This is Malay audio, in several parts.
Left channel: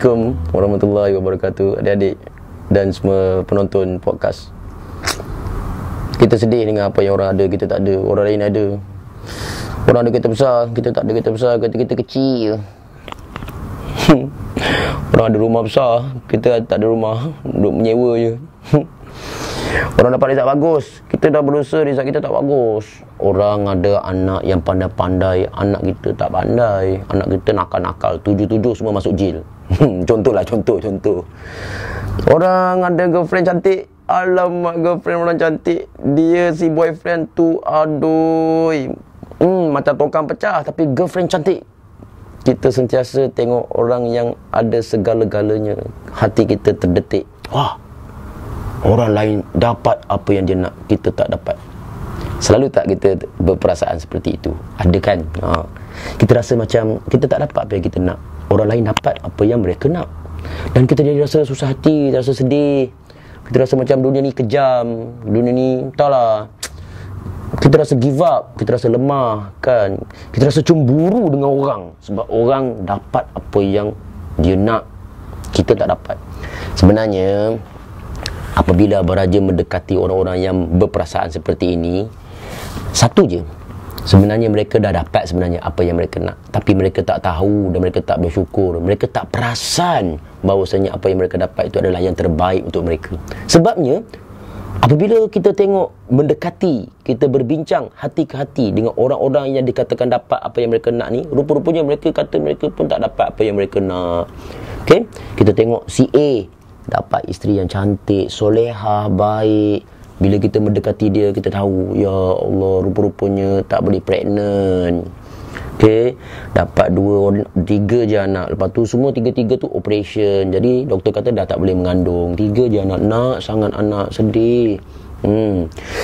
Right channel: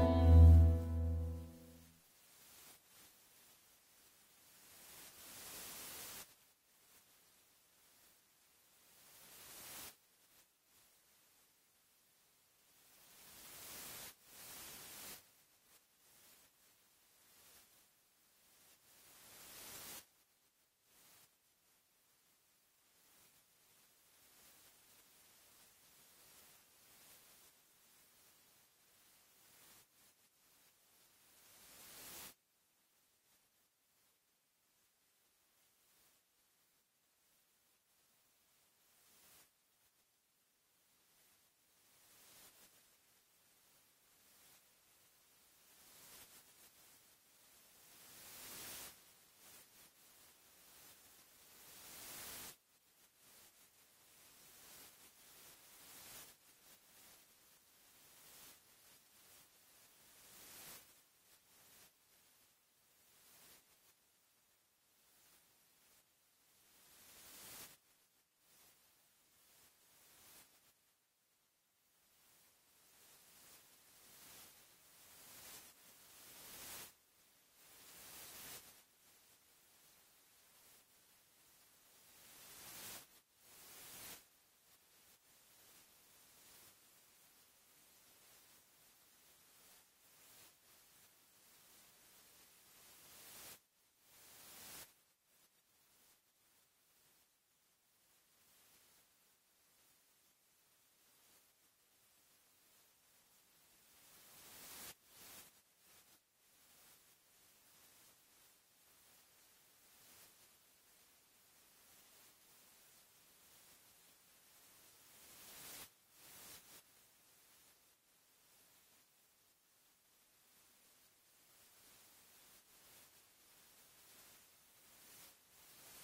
Assalamualaikum warahmatullahi wabarakatuh, adik-adik dan semua penonton podcast. Kita sedih dengan apa yang orang ada, kita tak ada. Orang lain ada. Orang ada kereta besar, kita tak ada kereta besar, kita kecil je. Orang ada rumah besar, kita tak ada rumah, duduk menyewa je. Orang dapat result bagus, kita dah berusaha result kita tak bagus. Orang ada anak yang pandai-pandai, anak kita tak pandai. Anak kita nakal-nakal, 7-7 semua masuk jail. Contoh. Orang ada girlfriend cantik, alamak girlfriend orang cantik, dia si boyfriend tu aduh, macam tongkang pecah tapi girlfriend cantik. Kita sentiasa tengok orang yang ada segala-galanya, hati kita terdetik. Wah, orang lain dapat apa yang dia nak, kita tak dapat. Selalu tak kita berperasaan seperti itu? Ada kan? Kita rasa macam kita tak dapat apa yang kita nak, orang lain dapat apa yang mereka nak. Dan kita jadi rasa susah hati, rasa sedih. Kita rasa macam dunia ni kejam, dunia ni entahlah. Kita rasa give up, kita rasa lemah kan. Kita rasa cemburu dengan orang sebab orang dapat apa yang dia nak, kita tak dapat. Sebenarnya apabila Abang Raja mendekati orang-orang yang berperasaan seperti ini, satu je, sebenarnya mereka dah dapat sebenarnya apa yang mereka nak, tapi mereka tak tahu dan mereka tak bersyukur. Mereka tak perasan bahawasanya apa yang mereka dapat itu adalah yang terbaik untuk mereka. Sebabnya apabila kita tengok, mendekati, kita berbincang hati ke hati dengan orang-orang yang dikatakan dapat apa yang mereka nak ni, rupa-rupanya mereka kata mereka pun tak dapat apa yang mereka nak. Okay? Kita tengok si A dapat isteri yang cantik, solehah, baik. Bila kita mendekati dia, kita tahu, ya Allah, rupa-rupanya tak boleh pregnant. Okay? Dapat 3 je anak. Lepas tu semua 3 tu operation. Jadi doktor kata dah tak boleh mengandung. 3 je anak. Nak sangat anak, sedih.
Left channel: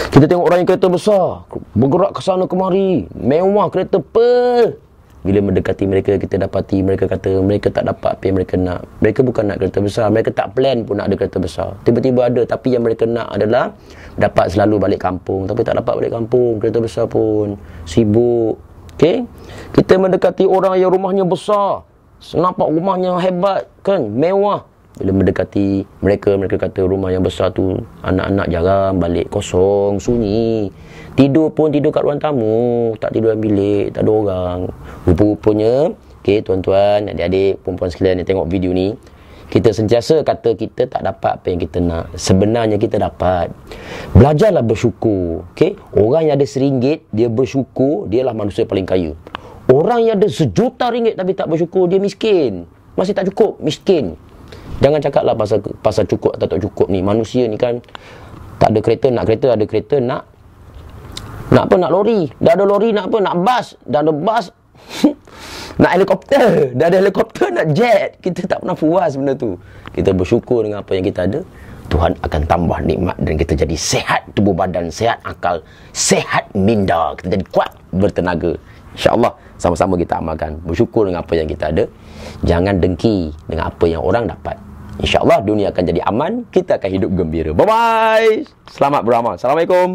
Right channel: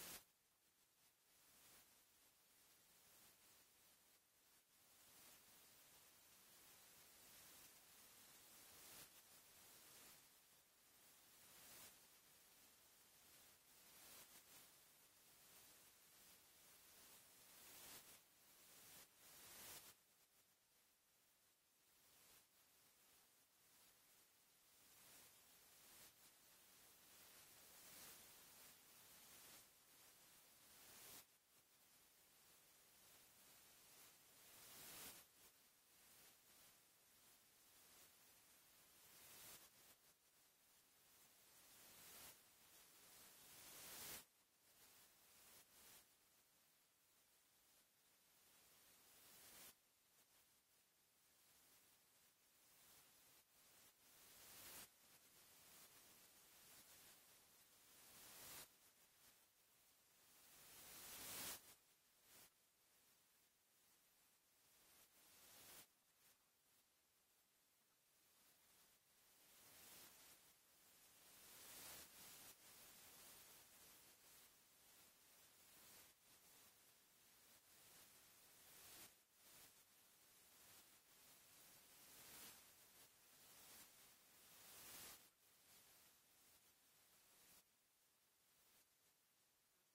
Kita tengok orang yang kereta besar, bergerak ke sana kemari, mewah kereta Pearl. Bila mendekati mereka, kita dapati mereka kata mereka tak dapat apa yang mereka nak. Mereka bukan nak kereta besar, mereka tak plan pun nak ada kereta besar. Tiba-tiba ada, tapi yang mereka nak adalah dapat selalu balik kampung. Tapi tak dapat balik kampung, kereta besar pun sibuk. Okay? Kita mendekati orang yang rumahnya besar, nampak rumahnya hebat kan, mewah. Bila mendekati mereka, mereka kata rumah yang besar tu anak-anak jarang balik, kosong, sunyi. Tidur pun tidur kat ruang tamu, tak tidur dalam bilik, tak ada orang. Rupa-rupanya, okay, tuan-tuan, adik-adik, perempuan sekalian yang tengok video ni, kita sentiasa kata kita tak dapat apa yang kita nak. Sebenarnya kita dapat. Belajarlah bersyukur. Okay? Orang yang ada RM1, dia bersyukur, dialah manusia paling kaya. Orang yang ada RM1 tapi tak bersyukur, dia miskin. Masih tak cukup, miskin. Jangan cakaplah pasal cukup atau tak cukup ni. Manusia ni kan, tak ada kereta, nak kereta, ada kereta, nak apa, nak lori. Dah ada lori, nak apa, nak bas. Dah ada bas, nak helikopter. Dah ada helikopter, nak jet. Kita tak pernah puas benda tu. Kita bersyukur dengan apa yang kita ada, Tuhan akan tambah nikmat dan kita jadi sehat tubuh badan, sehat akal, sehat minda. Kita jadi kuat, bertenaga. InsyaAllah sama-sama kita amalkan. Bersyukur dengan apa yang kita ada. Jangan dengki dengan apa yang orang dapat. InsyaAllah dunia akan jadi aman. Kita akan hidup gembira. Bye-bye. Selamat beramal. Assalamualaikum.